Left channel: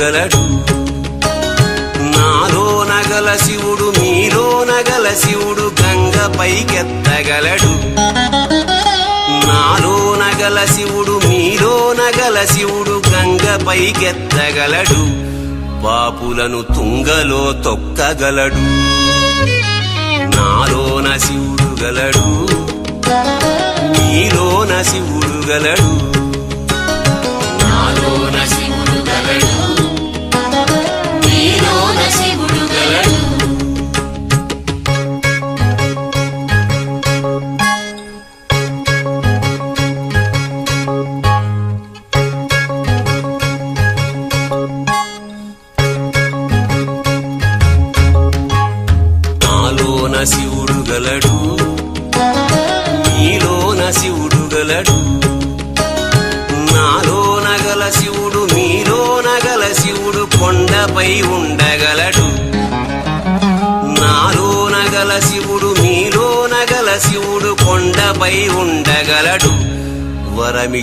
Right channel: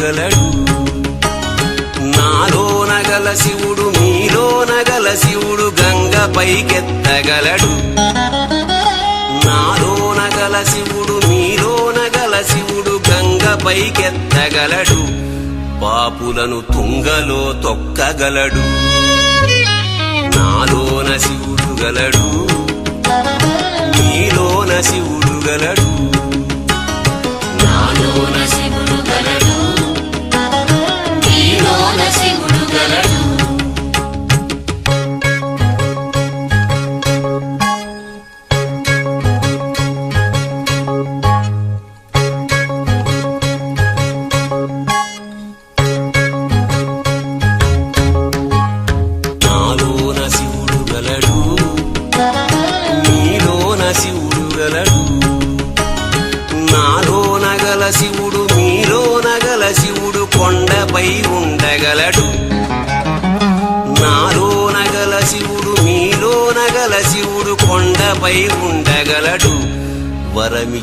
గలడు నాలో నగల శివుడు మీలో నగల శివుడు గంగ పైకెత్తగలడు. నాలో నగల శివుడు మీలో నగల శివుడు గంగ పైకెత్తగలడు. పాపులను తుంగలో తొక్కగలడు. నాలోన శివుడు గలడు.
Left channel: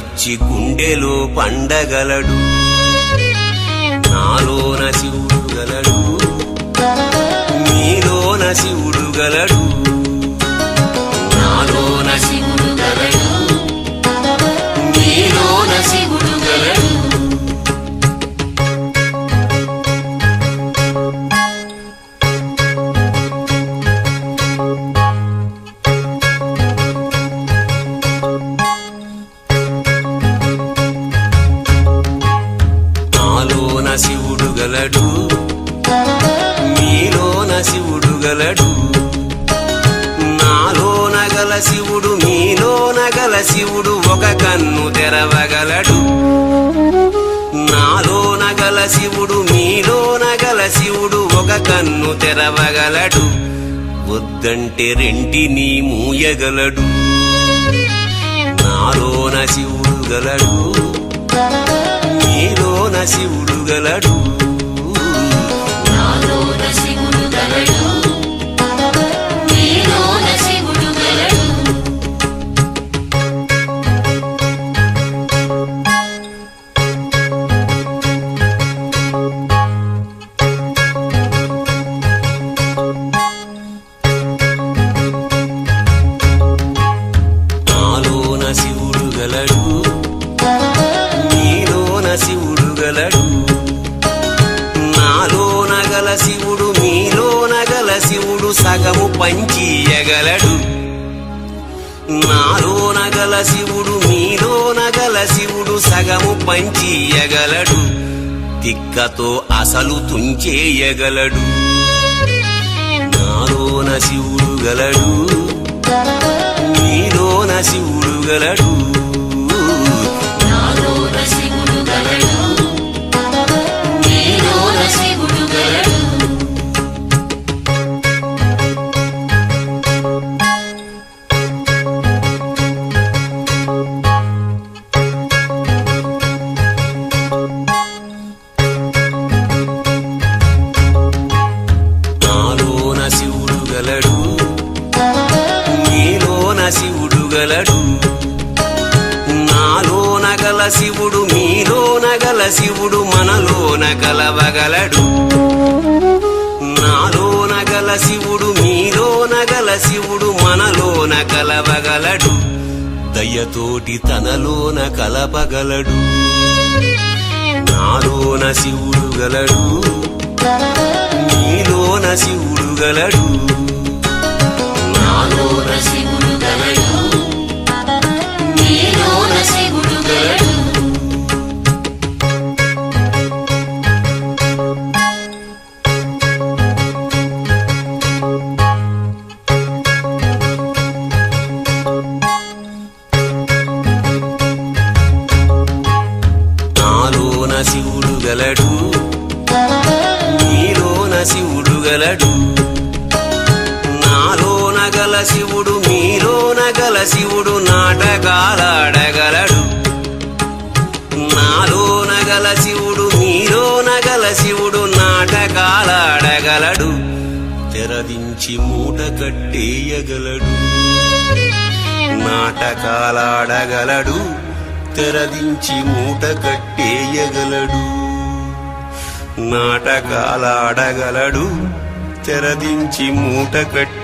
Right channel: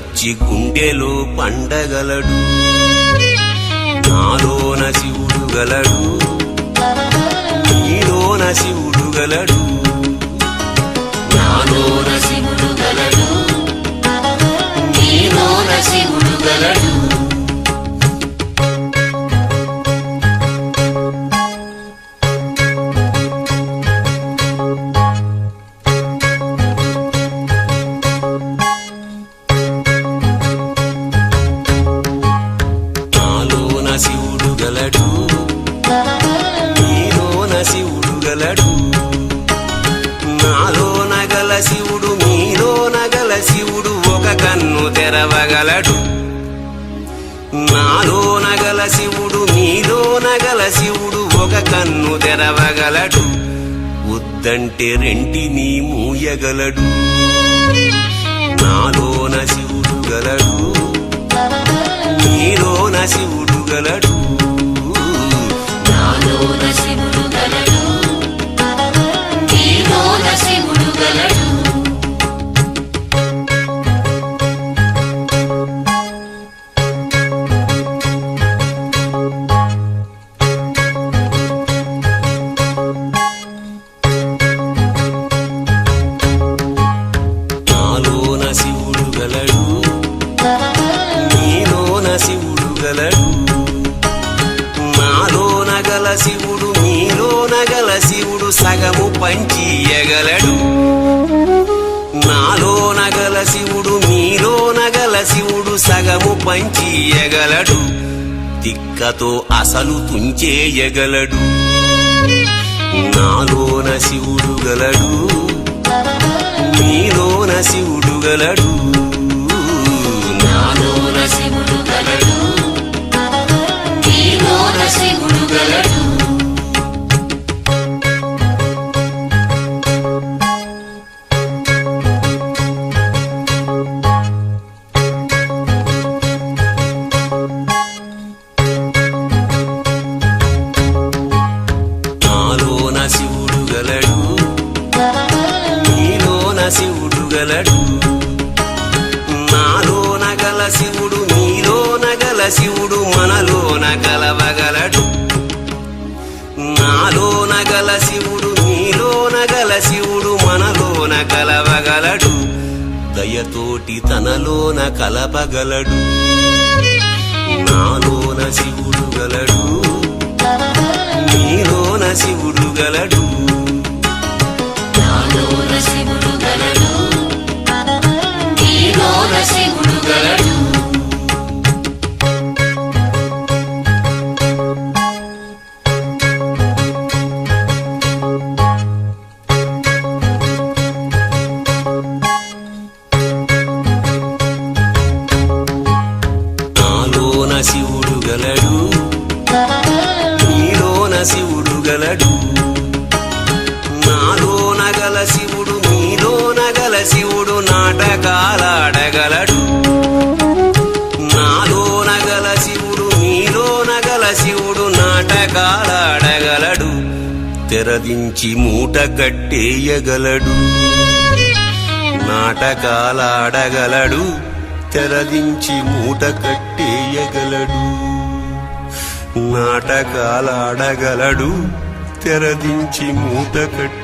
వరమిచ్చి గుండెలో పండగలడు. నాలోన శివుడు ఒక కన్ను తెరవగలడు. నాలో నగల శివుడు మీలోన నగల శివుడు ఒక కన్ను తెరవగలడు. వద్దంటే రెంటిని మూయగలడు. నాలోన శివుడు గలడు. మీలోన శివుడు సగము పంచీయగలడు తిక్కతో అసలు తుంచేయగలడు నాలోన శివుడు గలడు. శివుడు మనలోన కలవగలడు నాలోన గల శివుడు మీలోన గల శివుడు మనలోన కలవగలడు దయతోటి తనలోన కలపగలడు. శివుడు నాటకాలాడగలడు నాలో నగల శివుడు నీలో నగల శివుడు నాటకాలాడగలడు తెరవించి మూట కట్టేయగలడు. నాటకాలాడగలడు తెరవించి మూట కట్టేయగలడు. నాటకాలాడగలడు తెరదించి మూట కట్టి